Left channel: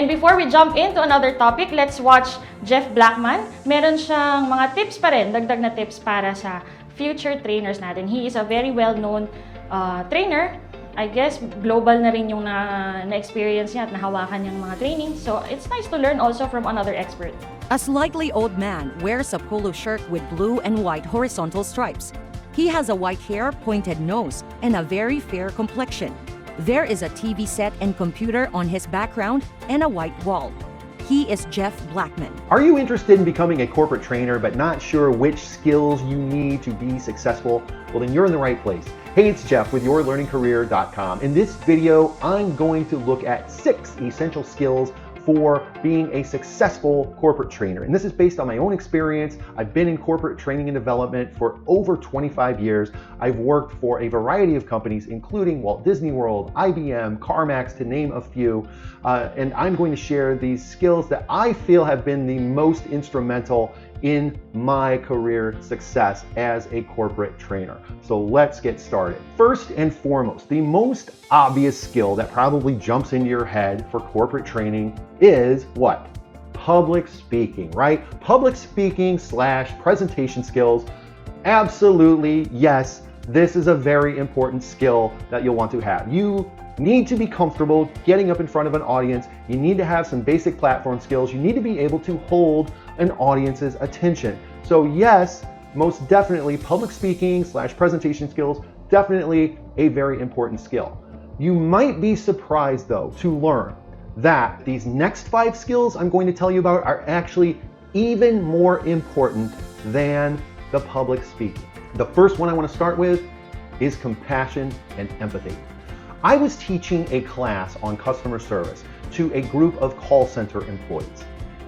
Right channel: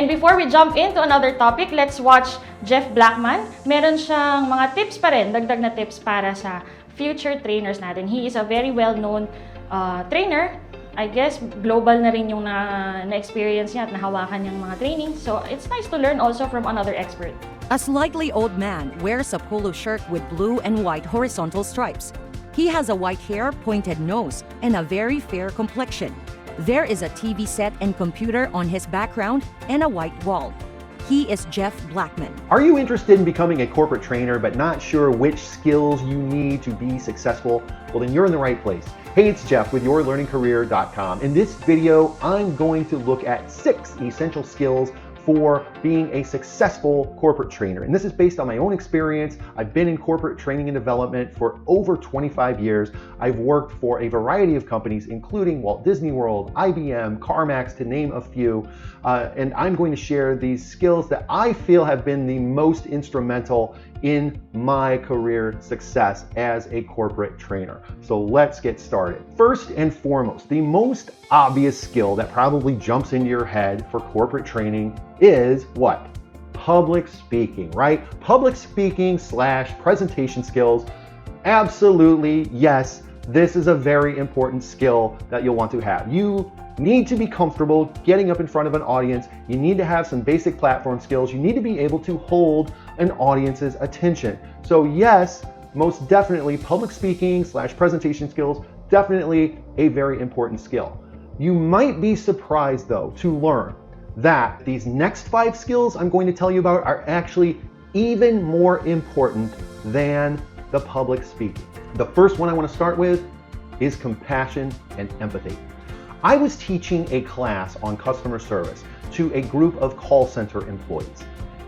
And before we jump into another topic, let's watch Jeff Blackman. Meron siyang mga tips pa rin, dagdag na tips para sa future trainers natin. He is a very well-known trainer. I guess global na rin yung na-experience niya at nahawakan yung mga training. So it's nice to learn also from another expert. A slightly old man wears a polo shirt with blue and white horizontal stripes. He has a white hair, pointed nose, and a very fair complexion. There is a TV set and computer on his background and a white wall. He is Jeff Blackman. Are you interested in becoming a corporate trainer but not sure which skills you need to be successful? Well, then you're in the right place. Hey, it's Jeff with YourLearningCareer.com. In this video, I'm going to look at 6 essential skills for being a successful corporate trainer. And this is based on my own experience. I've been in corporate training and development for over 25 years. I've worked for a variety of companies, including Walt Disney World, IBM, CarMax, to name a few. And I'm going to share these skills that I feel have been the most instrumental in my career success as a corporate trainer. So let's get started. First and foremost, the most obvious skill that probably jumps into your head for corporate training is what? Public speaking, right? Public speaking / presentation skills. Absolutely, yes. This is a very important skill that you'll want to have. You need to be comfortable getting up in front of an audience. You need to have some basic platform skills. You need to be able to hold an audience's attention. So yes, most definitely public speaking / presentation skills, definitely a very important skill. You might be surprised though to learn that these next 5 skills I'm going to tell you about are actually even more important than the public speaking. The first one I want to start with is compassion and empathy. I was teaching a class on customer service to a group of call center employees.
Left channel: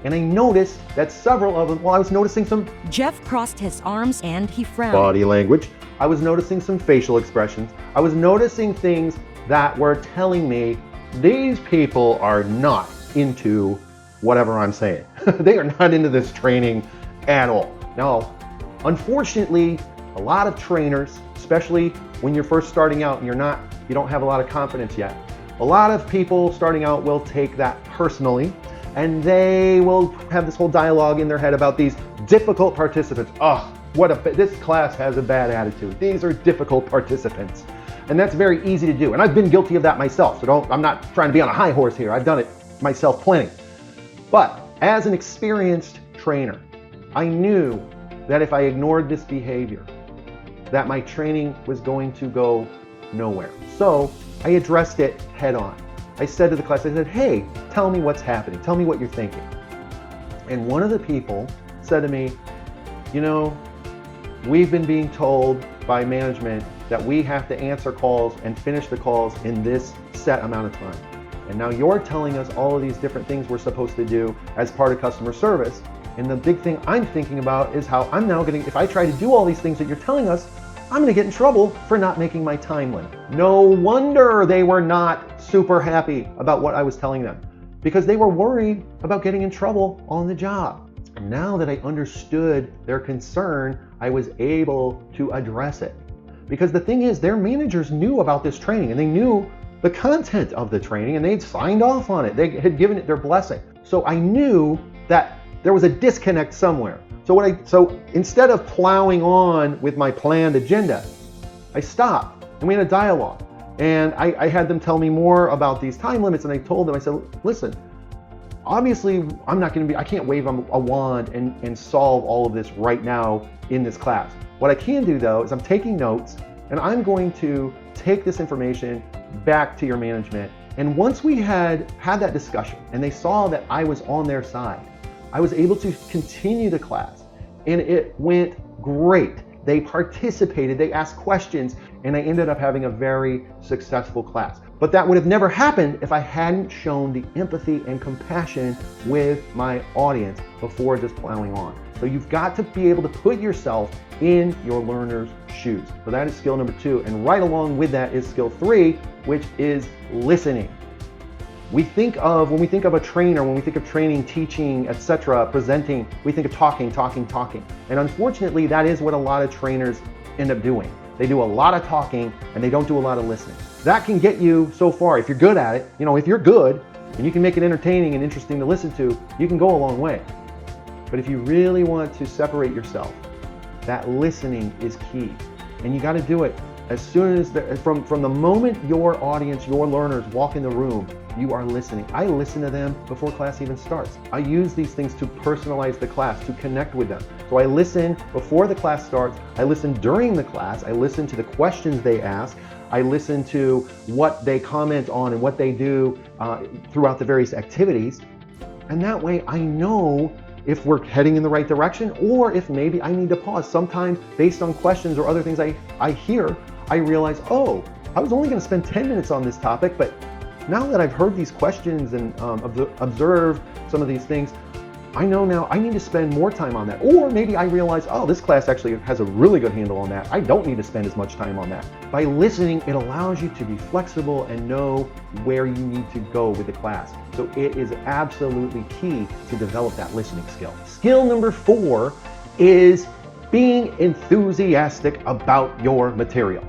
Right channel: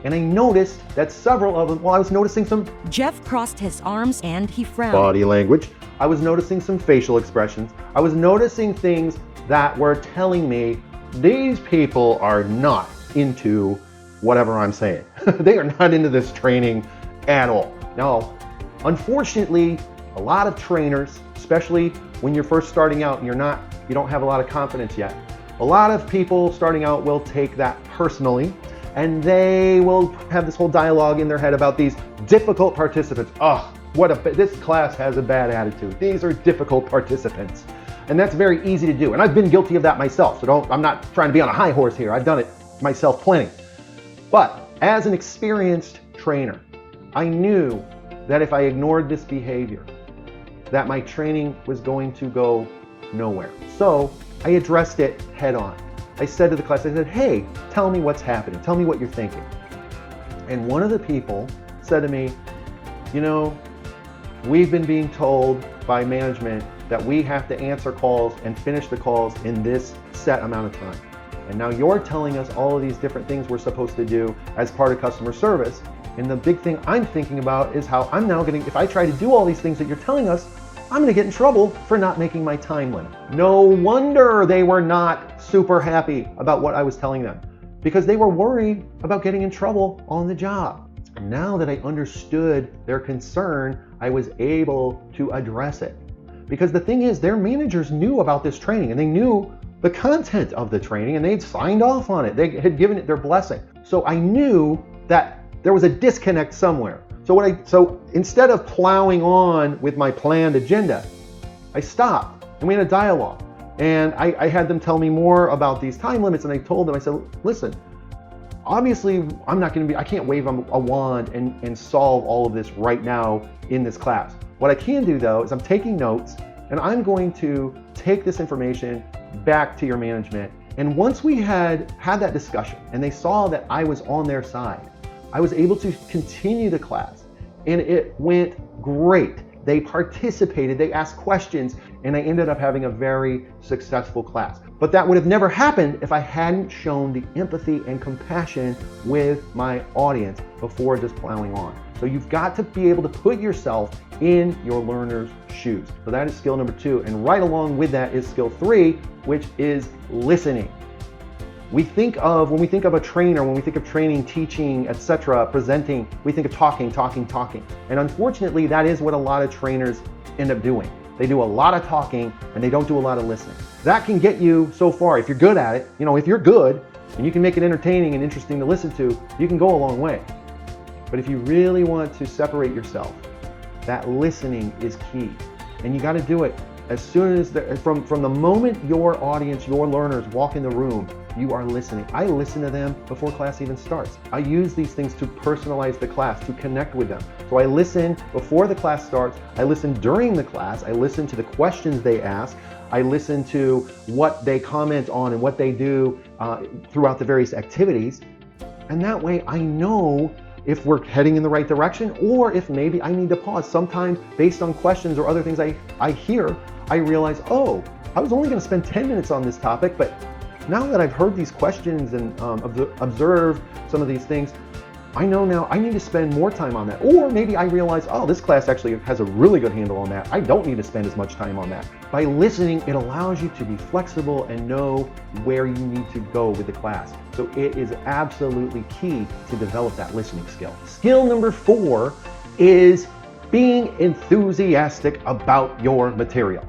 And I noticed that several of them, I was noticing some Jeff crossed his arms and he frowned. body language. I was noticing some facial expressions. I was noticing things that were telling me these people are not into whatever I'm saying. They are not into this training at all. Now, unfortunately, a lot of trainers, especially when you're first starting out and you don't have a lot of confidence yet, a lot of people starting out will take that personally, and they will have this whole dialogue in their head about these difficult participants. This class has a bad attitude. These are difficult participants. And that's very easy to do. And I've been guilty of that myself. So I'm not trying to be on a high horse here. I've done it myself plenty. But as an experienced trainer, I knew that if I ignored this behavior, that my training was going to go nowhere. So I addressed it head on. I said to the class, I said, hey, tell me what's happening. Tell me what you're thinking. And one of the people said to me, we've been being told by management that we have to answer calls and finish the calls in this set amount of time. And now you're telling us all of these different things we're supposed to do as part of customer service. And the big thing I'm thinking about is how I'm now if I try to do all these things that you're telling us, I'm gonna get in trouble for not making my time limit. No wonder they were not super happy about what I was telling them, because they were worried about getting in trouble on the job. Now that I understood their concern, I was able to address it. Because the thing is, their managers knew about this training and they knew the content of the training and they'd signed off on it. They had given it their blessing. So I knew that there was a disconnect somewhere. So instead of plowing on with my planned agenda, I stopped and we had a dialogue. And I had them tell me more about these time limits, and I told them, I said, listen, obviously I can't wave a wand and solve all of this right now in this class. What I can do though is I'm taking notes and I'm going to take this information back to your management. And once we had that discussion and they saw that I was on their side, I was able to continue the class and it went great. They participated, they asked questions, and I ended up having a very successful class. But that would have never happened if I hadn't shown the empathy and compassion with my audience before just plowing on. So you've got to be able to put yourself in your learner's shoes. So that is skill number 2. And right along with that is skill 3, which is listening. When we think of a trainer, when we think of training, teaching, etc., presenting, we think of talking. And unfortunately, that is what a lot of trainers end up doing. They do a lot of talking and they don't do a lot of listening. That can get you so far. If you're good at it, if you're good and you can make it entertaining and interesting to listen to, you can go a long way. But if you really want to separate yourself, that listening is key. And you got to do it as soon as, from the moment your audience, your learners walk in the room, you are listening. I listen to them before class even starts. I use these things to personalize the class, to connect with them. So I listen before the class starts, I listen during the class, I listen to the questions they ask, I listen to what they comment on and what they do throughout the various activities. And that way I know if we're heading in the right direction or if maybe I need to pause. Sometimes based on questions or other things I hear, I realize, oh, I was only going to spend 10 minutes on this topic, but now that I've heard these questions and observed some of these things, I know now I need to spend more time on that. Or maybe I realize, oh, this class actually has a really good handle on that. I don't need to spend as much time on that. By listening, it allows you to be flexible and know where you need to go with the class. So it is absolutely key to develop that listening skill. Skill number 4 is being enthusiastic about your material.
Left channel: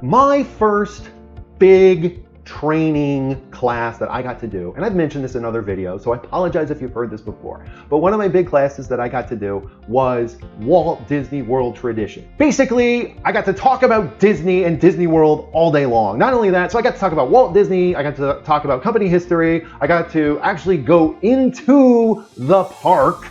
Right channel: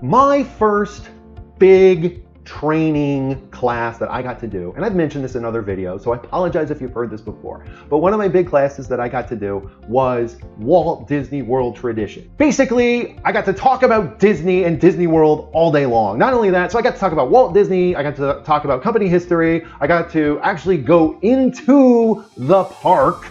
My first big training class that I got to do, and I've mentioned this in other videos, so I apologize if you've heard this before, but one of my big classes that I got to do was Walt Disney World Tradition. Basically, I got to talk about Disney and Disney World all day long. Not only that, so I got to talk about Walt Disney, I got to talk about company history, I got to actually go into the park,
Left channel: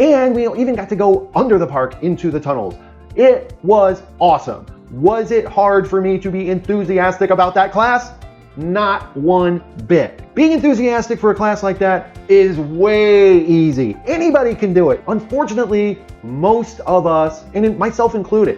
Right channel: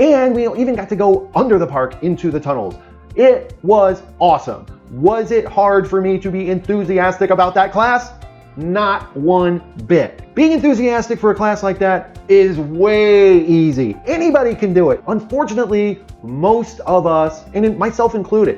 and we even got to go under the park into the tunnels. It was awesome. Was it hard for me to be enthusiastic about that class? Not one bit. Being enthusiastic for a class like that is way easy. Anybody can do it. Unfortunately, most of us, and myself included,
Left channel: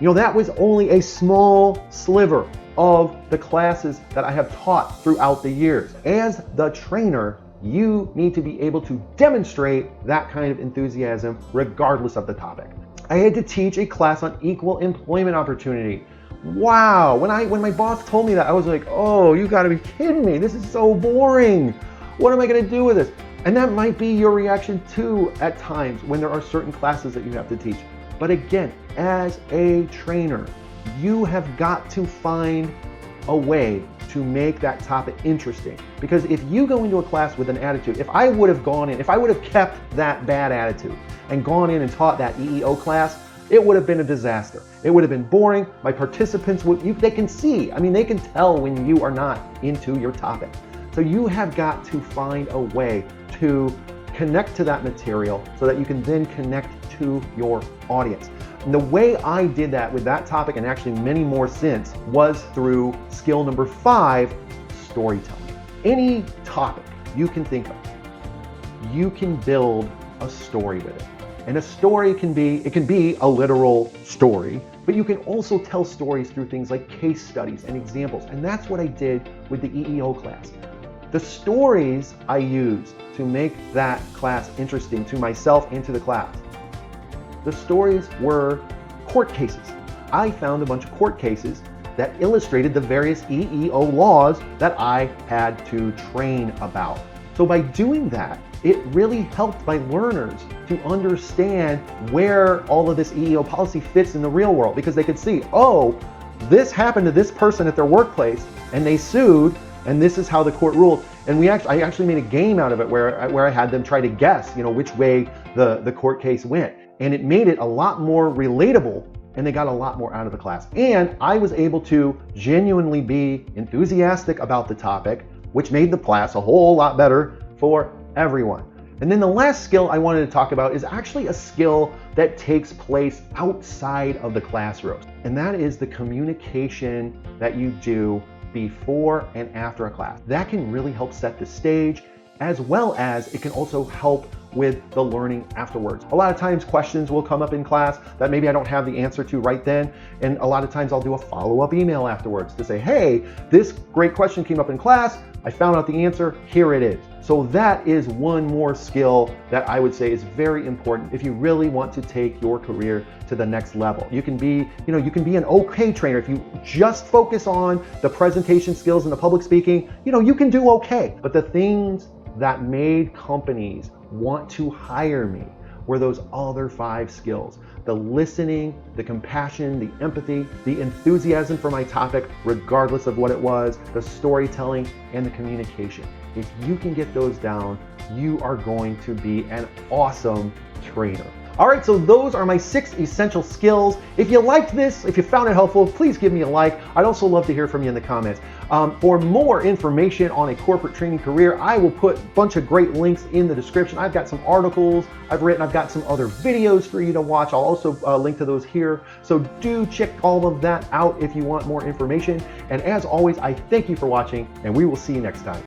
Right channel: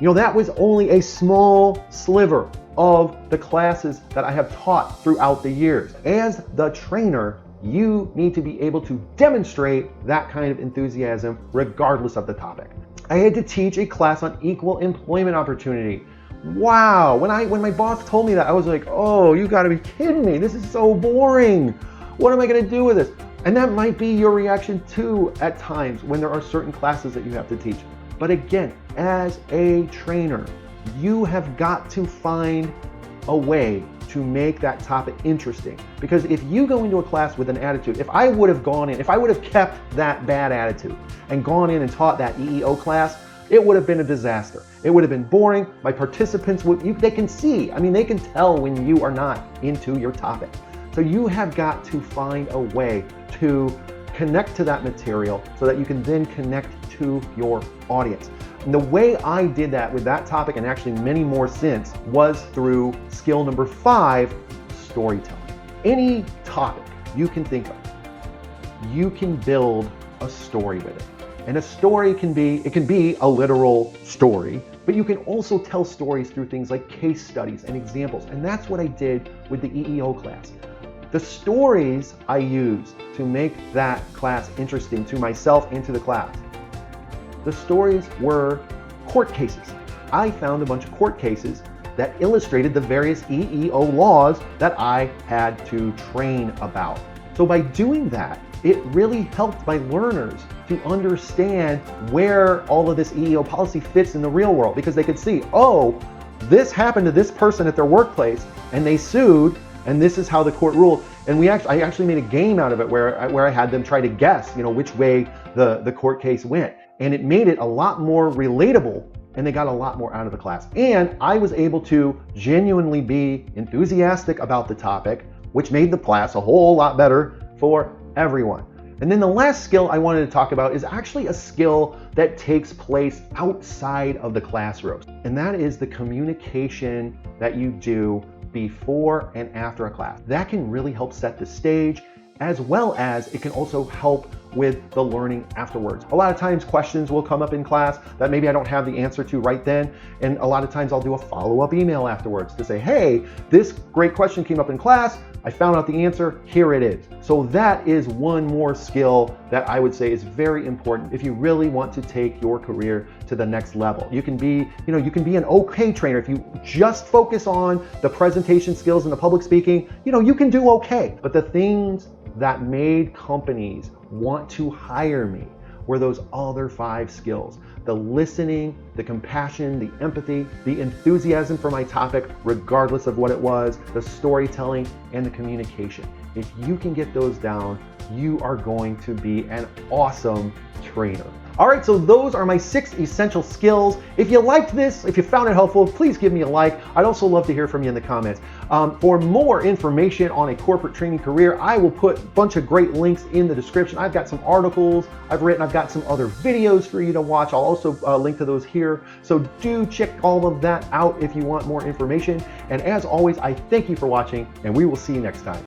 that was only a small sliver of the classes that I have taught throughout the years. As the trainer, you need to be able to demonstrate that kind of enthusiasm regardless of the topic. I had to teach a class on equal employment opportunity. Wow, when my boss told me that, I was like, oh, you gotta be kidding me. This is so boring. What am I gonna do with this? And that might be your reaction too at times when there are certain classes that you have to teach. But again, as a trainer, you have got to find a way to make that topic interesting. Because if you go into a class with an attitude, if I would have kept that bad attitude and gone in and taught that EEO class, it would have been a disaster. It would have been boring. My participants they can see, they can tell when you are not into your topic. So you have got to find a way to connect to that material so that you can then connect to your audience. And the way I did that with that topic, and actually many more since, was through skill number 5, storytelling. Any topic you can think of, you can build a story with it. And a story can be a literal story, but you can also tell stories through things like case studies and examples. And that's what I did with the EEO class. The stories I used to make that class interesting to myself and to the class. The stories were court cases. I found a bunch of court cases that illustrated the various EEO laws that I had to train about. So by doing that, it really helped my learners to understand where all of this EEO policy fits in the real world, because they could see, oh, this happened to this person at their workplace and they sued, and this is how the court ruled. And I actually made a game out of it where I had them try to guess, which way the court case went. And it made it a lot more relatable, and they got a lot more out of the class. And I was able to genuinely be enthusiastic about the topic, which made the class a whole lot better for everyone. And then the last skill I wanted to talk about is actually a skill that takes place outside of the classroom. And that is the communication that you do before and after a class. That can really help set the stage, as well as it can also help with the learning afterwards. A lot of times questions will come up in class that maybe I don't have the answer to right then, and a lot of times I'll do a follow-up email afterwards to say, hey, this great question came up in class, I found out the answer, here it is. So that is one more skill that I would say is very important if you really want to take your career to the next level. You can be an okay trainer if you just focus on the presentation skills and the public speaking, you can do okay. But the things that made companies want to hire me were those other 5 skills: the listening, the compassion, the empathy, the enthusiasm for my topic, regardless of what it was, the storytelling, and the communication. If you can get those down, you are going to be an awesome trainer. All right, so those are my 6 essential skills. If you liked this, if you found it helpful, please give me a like. I'd also love to hear from you in the comments. For more information on a corporate training career, I will put a bunch of great links in the description. I've got some articles I've written. I've got some other videos for you to watch. I'll also link to those here. So do check all of that out if you want more information. And as always, I thank you for watching, and we will see you next time.